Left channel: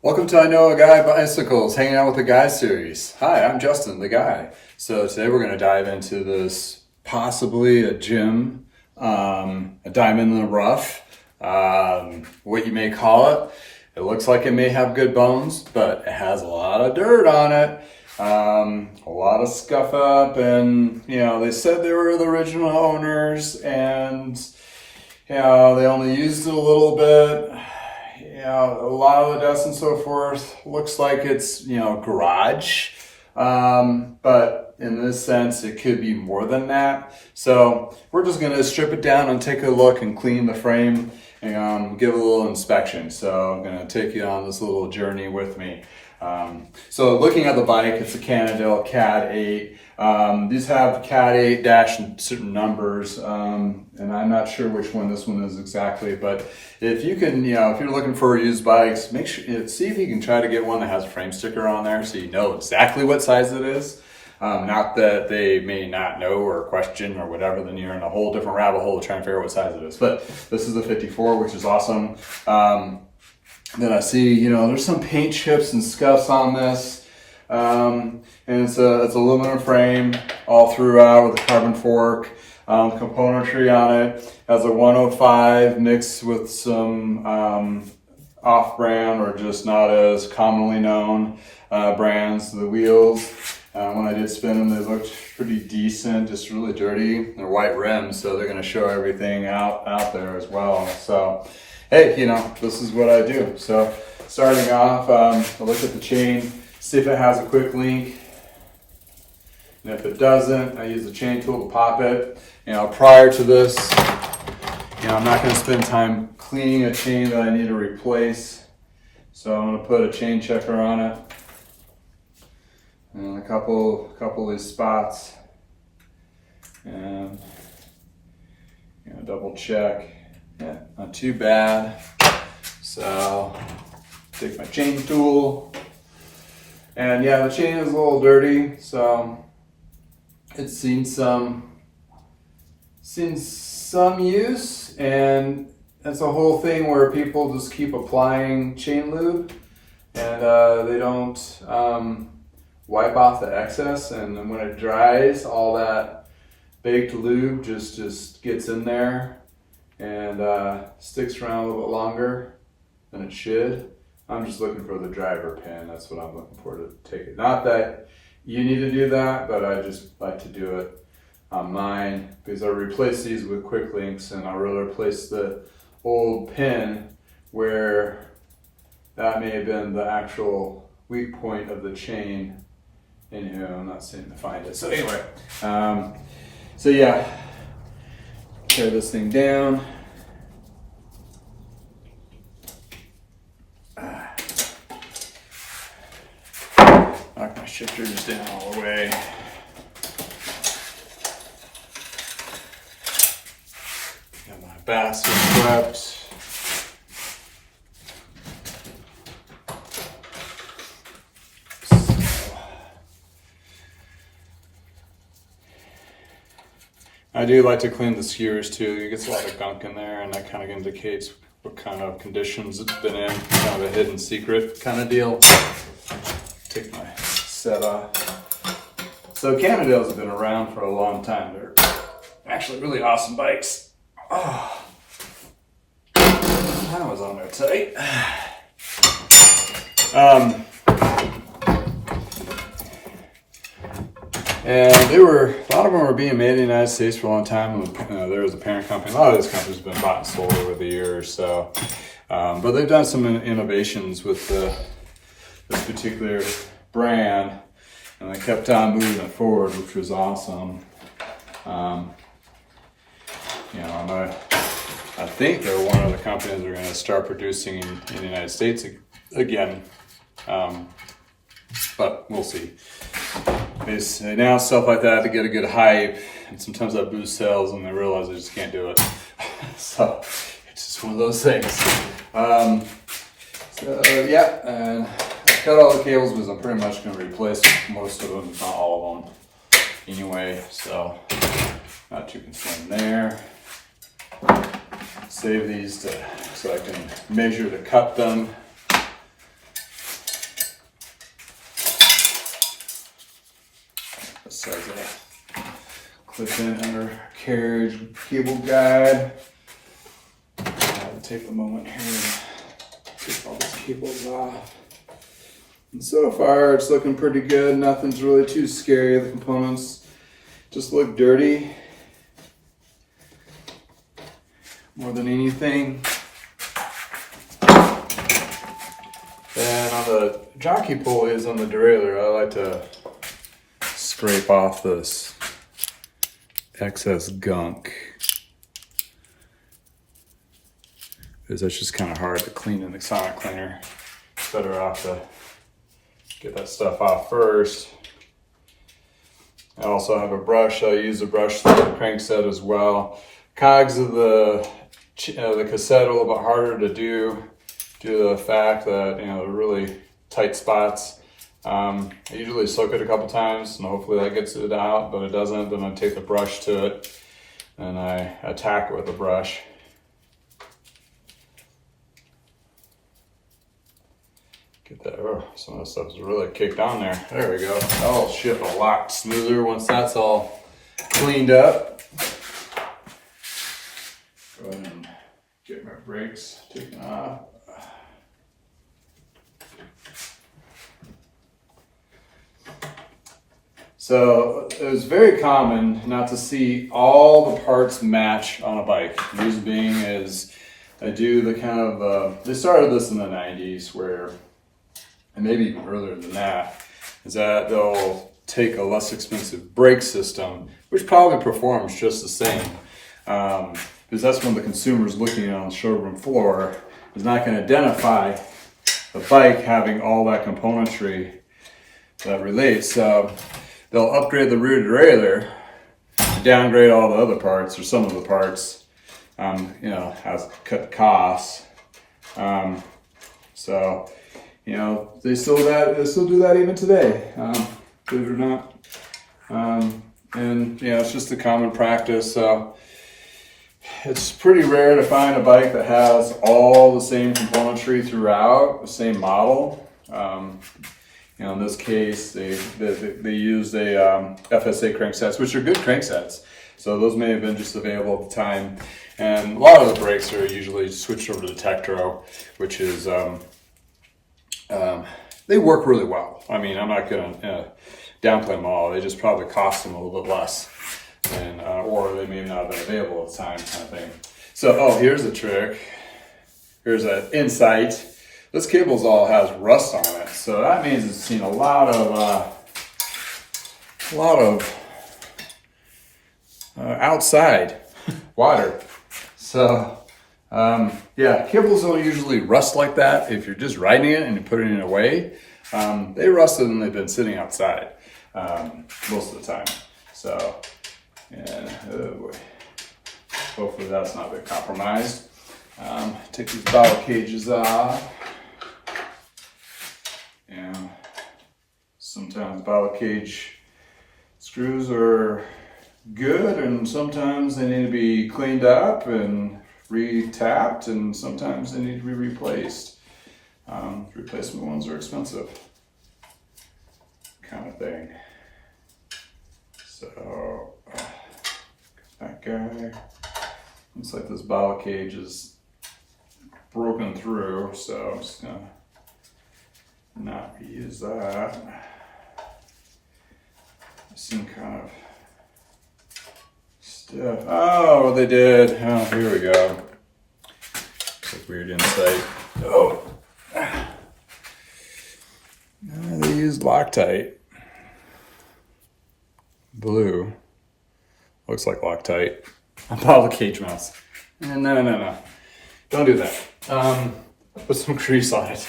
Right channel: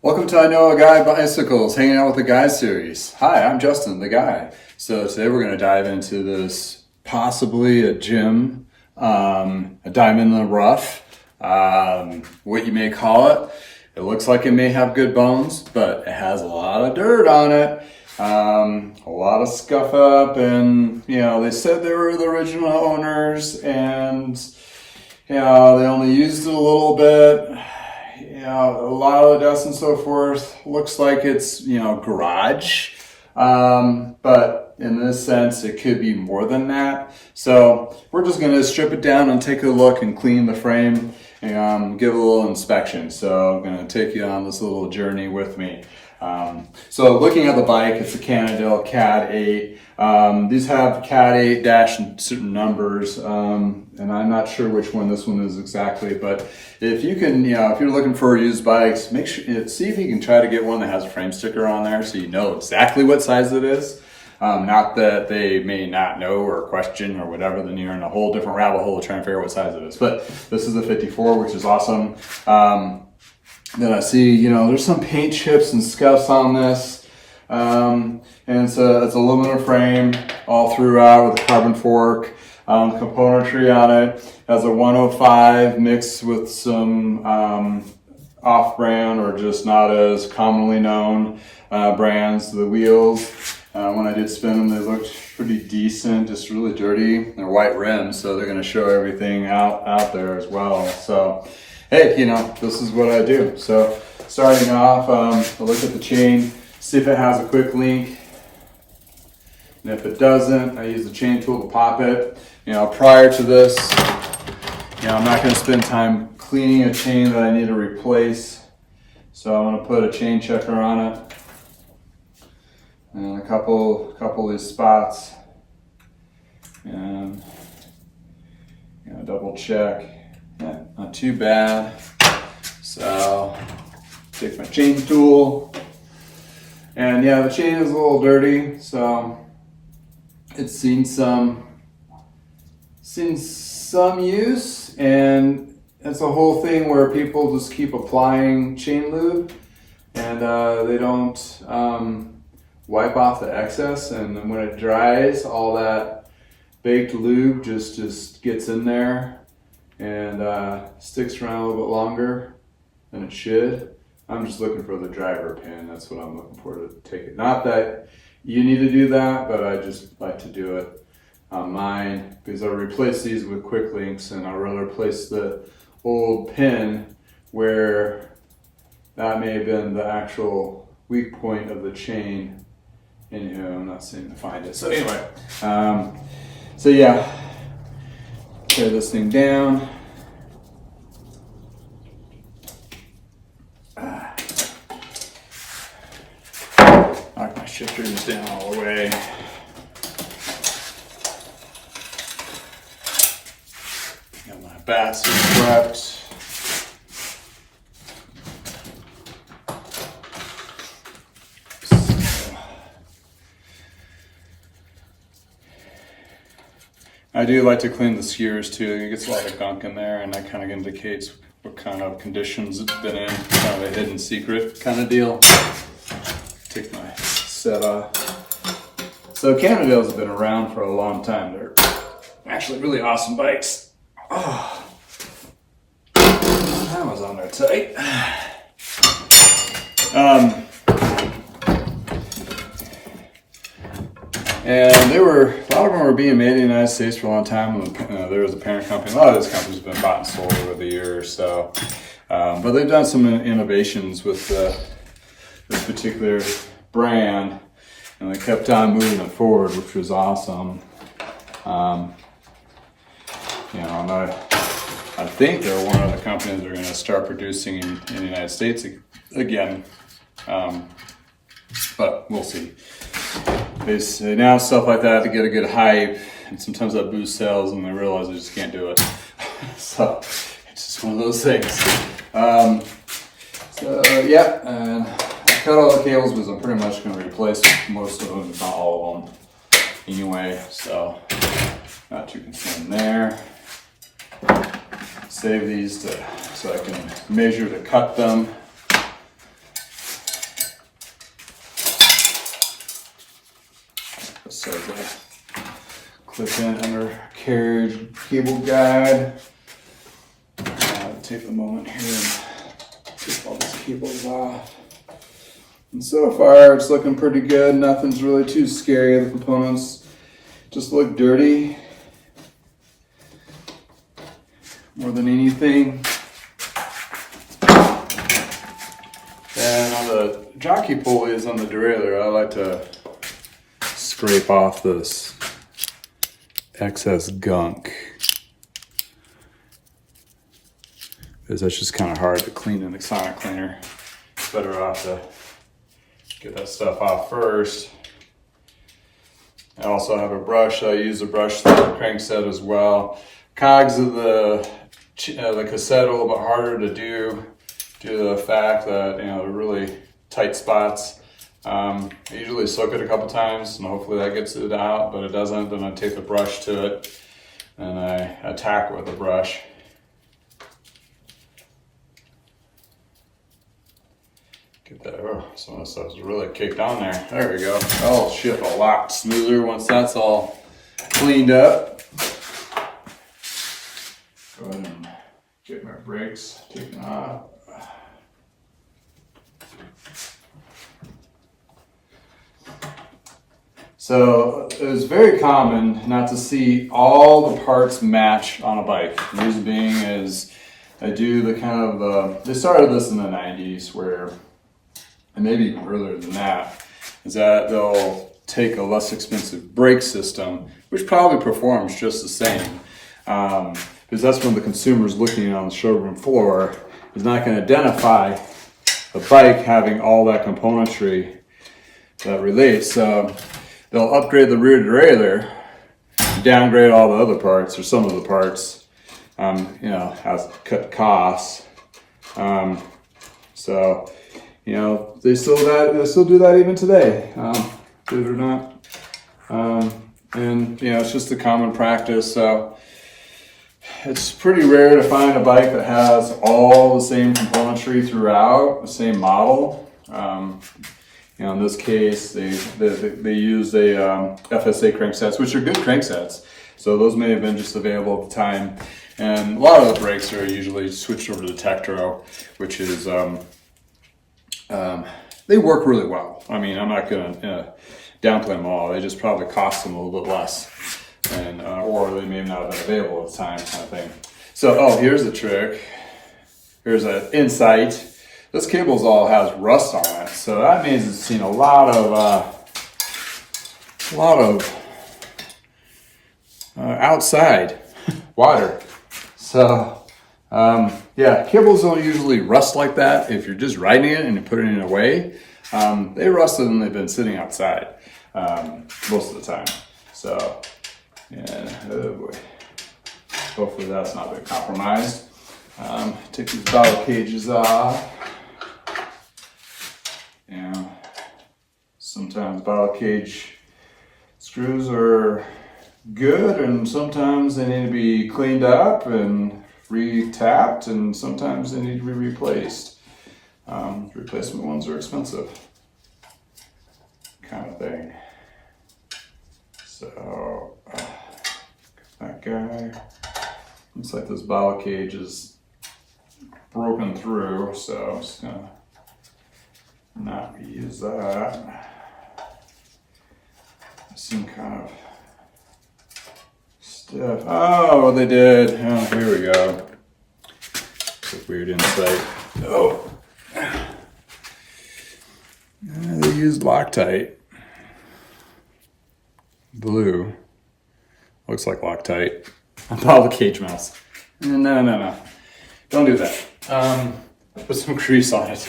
Welcome to I Know a Guy Bicycles, hanging out with the Guy series. Hi, I'm Justin, the Guy. So today we're going to dive into this possibly a gym, a diamond in the rough, what you may call it. It looks like it may have good bones, but it has a lot of dirt on it, a lot of scuff up, and they said they were the original owners, and they only used it a little bit. A lot of the dust and so forth looks like it's, garage. But in this sense, it could be more than that. So we're just going to strip it down and take a look and clean the frame and give a little inspection. So I'm going to take you on this little journey with me. So looking at the bike, it's a Cannondale CAAD8. These have CAAD8 dash and certain numbers, and I'm not sure which one this one is exactly, but if you can, if you're looking for used bikes, make sure, see if you can try to get one that has a frame sticker on there so you know exactly what size it is. Not that they may not know or question or whatever, then you're in a whole different rabbit hole to try and figure out what size it is. But this is a 54, which is awesome. Then I see, there's some paint chips and scuffs on this. And it's aluminum frame all throughout with a carbon fork. Componentry on it has a 105 mixed with some off-brand or just not as commonly known brands. The wheels, when I did spin them, they looked pretty decent, just really dirty. They're white rims, so they're going to show everything out there as well. So hey, this is what I do. So starting off, I look at the chain, see if it has a quick link. And if it doesn't, I use the chain tool to pop it. Prior to this, I'm not going to spend time cleaning a chain that I need to replace. So I'm going to put a chain checker on it. And a couple of these spots. And double check. Yeah, not too bad. So take my chain tool, and the chain is a little dirty, so it's seen some use, and it's a whole thing where people just keep applying chain lube, and they don't wipe off the excess, and then when it dries, all that baked lube just gets in there and sticks around a little bit longer than it should. I'm just looking for the driver pin. That's what I'm looking for to take it. Not that you need to do that, but I just like to do it on mine because I replace these with quick links, and I really replace the old pin where that may have been the actual weak point of the chain. Anyway, I'm not seeing to find it. So anyway, tear this thing down. Knock my shifters down all the way. Got my basket swept. I do like to clean the skewers too. It gets a lot of gunk in there, and that kind of indicates what kind of conditions it's been in. Kind of a hidden secret kind of deal. Take my set off. So Cannondales have been around for a long time. They're actually really awesome bikes. Oh, that was on there tight. And a lot of them were being made in the United States for a long time. There was a parent company. A lot of these companies have been bought and sold over the years. So, but they've done some innovations with this particular brand, and they kept on moving it forward, which was awesome. And I think they're one of the companies that are going to start producing in the United States again. But we'll see. They announce stuff like that to get a good hype, and sometimes that boosts sales, and they realize they just can't do it. So it's just one of those things. And I cut all the cables because I'm pretty much going to replace most of them, if not all of them, anyway. So not too concerned there. Save these so I can measure to cut them. within undercarriage cable guide. I'll take a moment here and get all these cables off. And so far it's looking pretty good. Nothing's really too scary. The components just look dirty more than anything. And on the jockey pulleys on the derailleur, I like to scrape off this excess gunk, because that's just kind of hard to clean in the sonic cleaner. It's better off to get that stuff off first. I also have a brush. I use a brush for the crankset as well. Cogs of the cassette are a little bit harder to do due to the fact that they're really tight spots. I usually soak it a couple times and hopefully that gets it out, but it doesn't. Then I take the brush to it and I attack it with the brush. Get that, oh, some of the stuff is really caked on there. There we go. Oh shit, a lot smoother once that's all cleaned up. Go ahead and get my brakes taken off. So it was very common not to see all the parts match on a bike. The reason being is I do the kind of, they started this in the 90s where, and maybe even earlier than that, is that they'll take a less expensive brake system, which probably performs just the same. Because that's when the consumer's looking on the showroom floor, is not going to identify the bike having all that componentry that relates. So they'll upgrade the rear derailleur, downgrade all the other parts or some of the parts, has cut costs. So, they still do that even today, believe it or not. And it's just a common practice. So it's pretty rare to find a bike that has all the same componentry throughout, the same model. In this case, they used a FSA cranksets, which are good cranksets. So those may have been just available at the time. And a lot of the brakes are usually switched over to the Tektro, which is, they work really well. I mean, I'm not going to downplay them all. They just probably cost them a little bit less. And, or they may not have been available at the time, kind of thing. So, here's a trick. Here's an insight. This cable's all has rust on it, so that means it's seen a lot of outside water. So, cables don't usually rust like that. If you're just riding it and you're putting it away, they rusted when they've been sitting outside most of the time. So, oh boy. Hopefully that's not been compromised. Take these bottle cages off. Sometimes bottle cage screws are good, and sometimes they need to be cleaned up and re-tapped, and sometimes they need to be replaced. Replacement ones are expensive, kind of thing. So, that guy, looks like this bottle cage is broken through, so I'm just gonna not reuse that. Seem kind of stiff. Oh, what they did. Oh, here we go. It's a weird insight. Oh. They used Loctite. Blue. Looks like Loctite. On bottle cage mounts. No. Don't do that. Put some grease on it.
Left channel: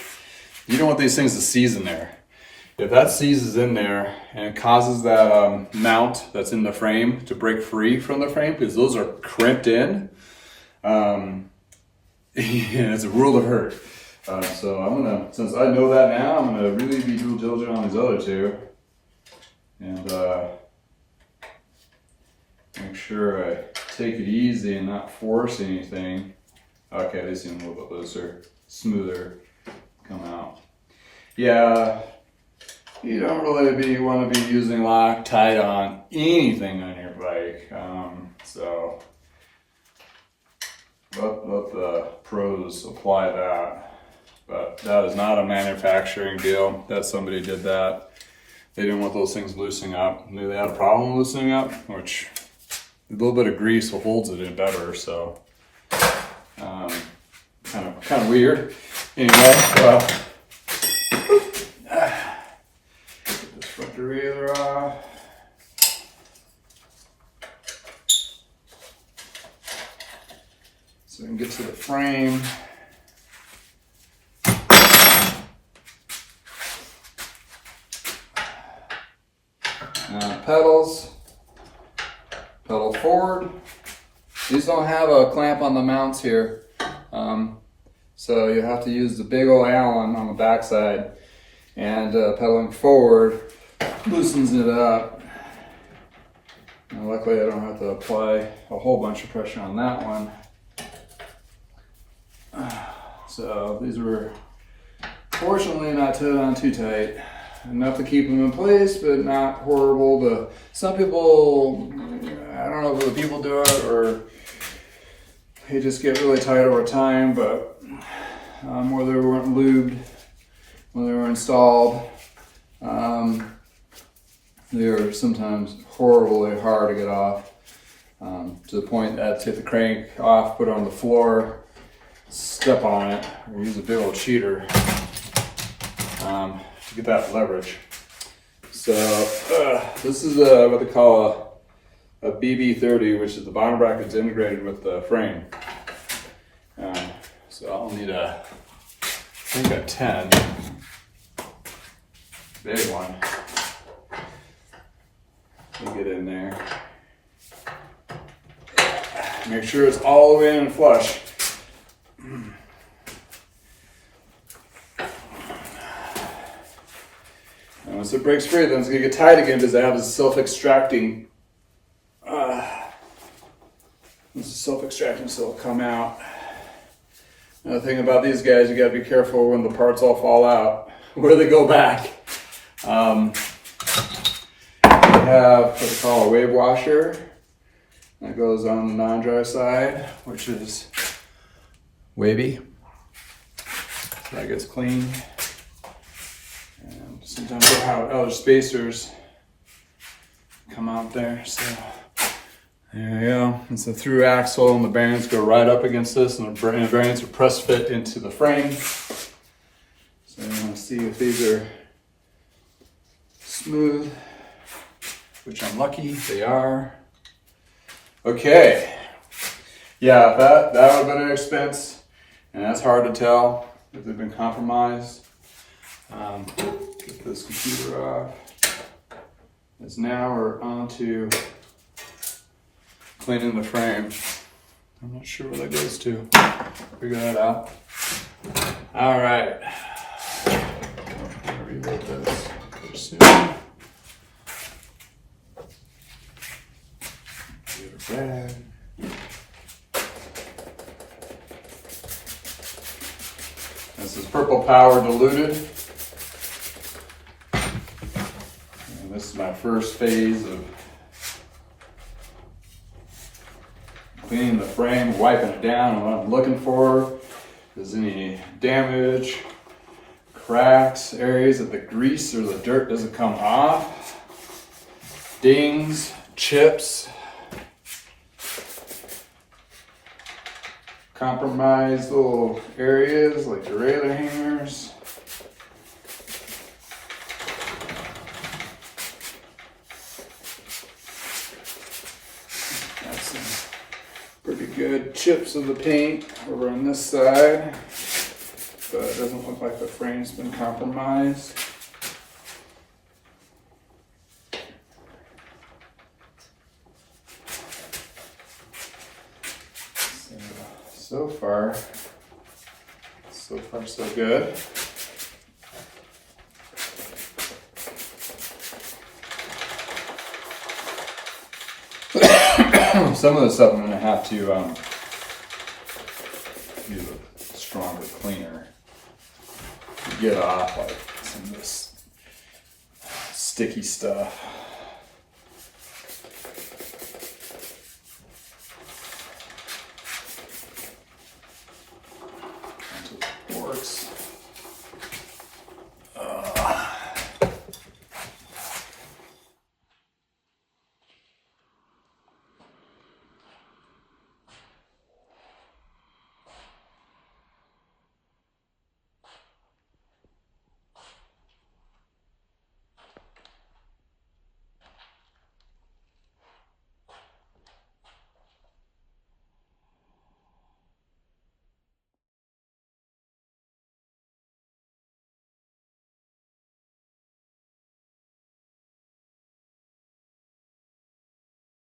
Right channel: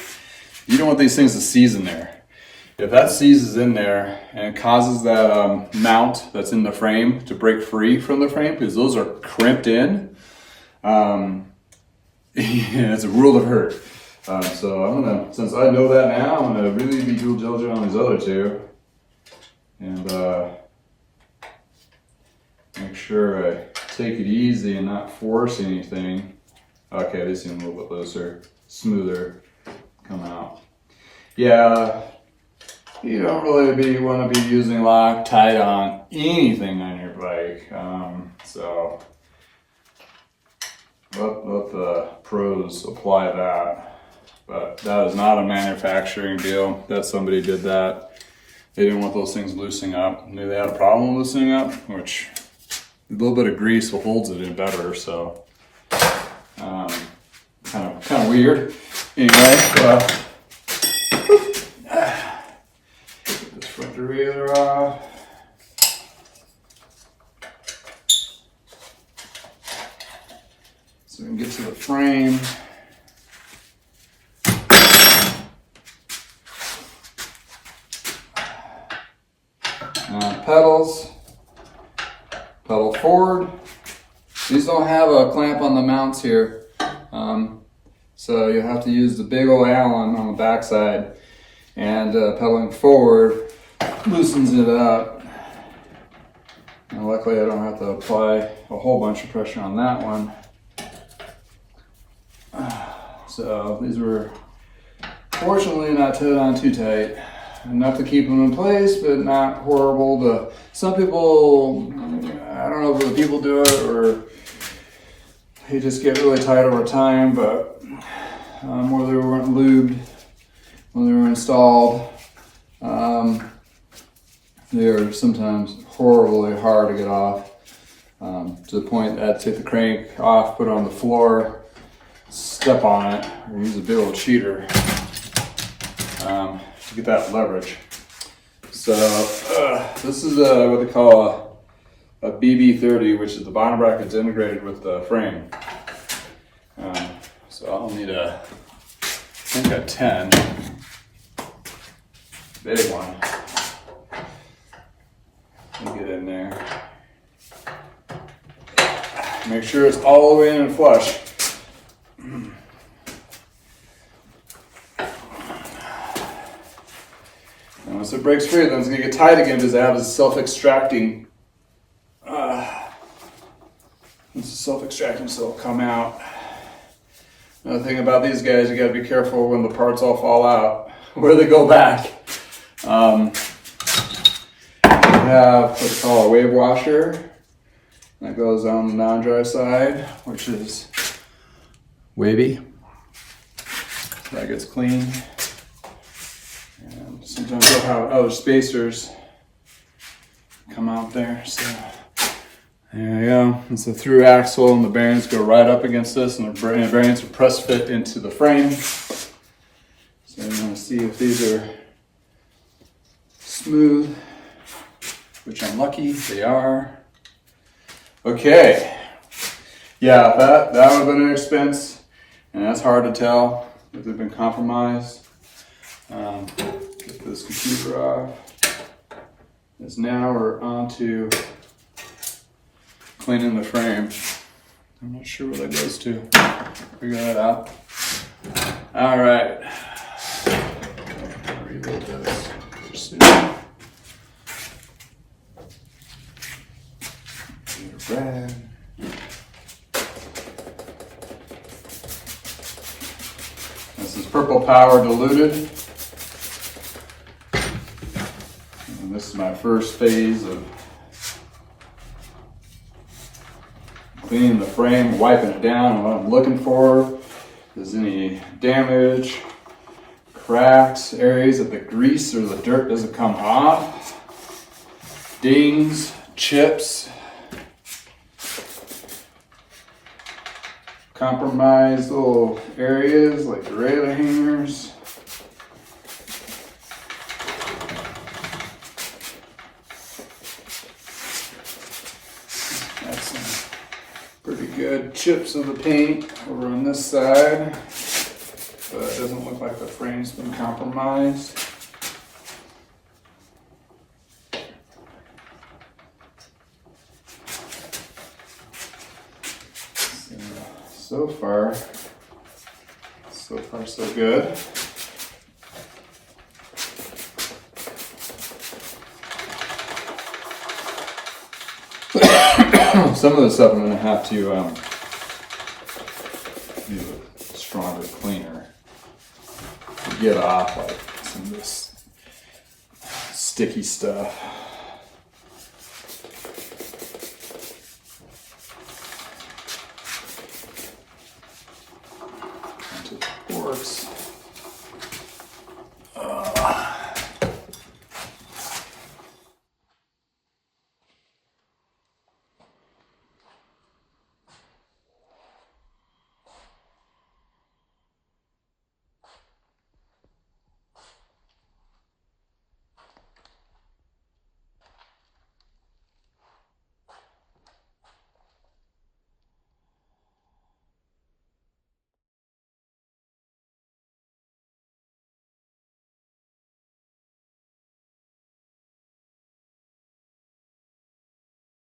You don't want these things to seize in there. If that seizes in there and it causes that mount that's in the frame to break free from the frame, because those are crimped in, it's a world of hurt. So I'm gonna, since I know that now, I'm gonna really be due diligent on these other two, and make sure I take it easy and not force anything. Okay, they seem a little bit looser, smoother, come out. Yeah. You don't really want to be using Loctite on anything on your bike. like. So let the pros apply that. But that is not a manufacturing deal. That somebody did that. They didn't want those things loosening up. Knew they had a problem loosening up, which a little bit of grease holds it in better. So kind of weird. Anyway, get this front derailleur off. So we can get to the frame. Pedals, pedal forward. These don't have a clamp on the mounts here, so you have to use the big old Allen on the backside, and pedaling forward loosens it up. And luckily I don't have to apply a whole bunch of pressure on that one. So these were fortunately not tied on too tight. Enough to keep them in place, but not horrible to some people. I don't know if the people do it or they just get really tight over time, but or they weren't lubed when they were installed. They're sometimes horribly hard to get off, to the point that I take the crank off, put it on the floor, step on it, or use a big old cheater to get that leverage. So this is what they call a BB30, which is the bottom bracket's integrated with the frame. So I'll need I think a 10, big one. Let me get in there. Make sure it's all the way in and flush. And once it breaks free, then it's going to get tight again because it has a self-extracting. It's self-extracting, so it'll come out. Another thing about these guys, you got to be careful when the parts all fall out, where they go back. We have what they call a wave washer that goes on the non-dry side, which is wavy. That gets clean. And sometimes we'll have other spacers come out there. So there you go. It's a through axle, and the bearings go right up against this, and the bearings are press fit into the frame. So you want to see if these are smooth, which I'm lucky they are. Okay. Yeah, that would have been an expense, and that's hard to tell if they've been compromised. Get this computer off. As now we're on to cleaning the frame. I'm not sure where that goes to. Figure that out. All right. Reload this. Get a rag. This is Purple Power diluted. And this is my first phase of cleaning the frame, wiping it down, and what I'm looking for is any damage, cracks, areas that the grease or the dirt doesn't come off, dings, chips, compromised little areas like derailleur hangers. That's some pretty good chips of the paint over on this side, but it doesn't look like the frame's been compromised. So far so good. Some of the stuff I'm going to have to use a stronger cleaner to get off, like some of this sticky stuff. works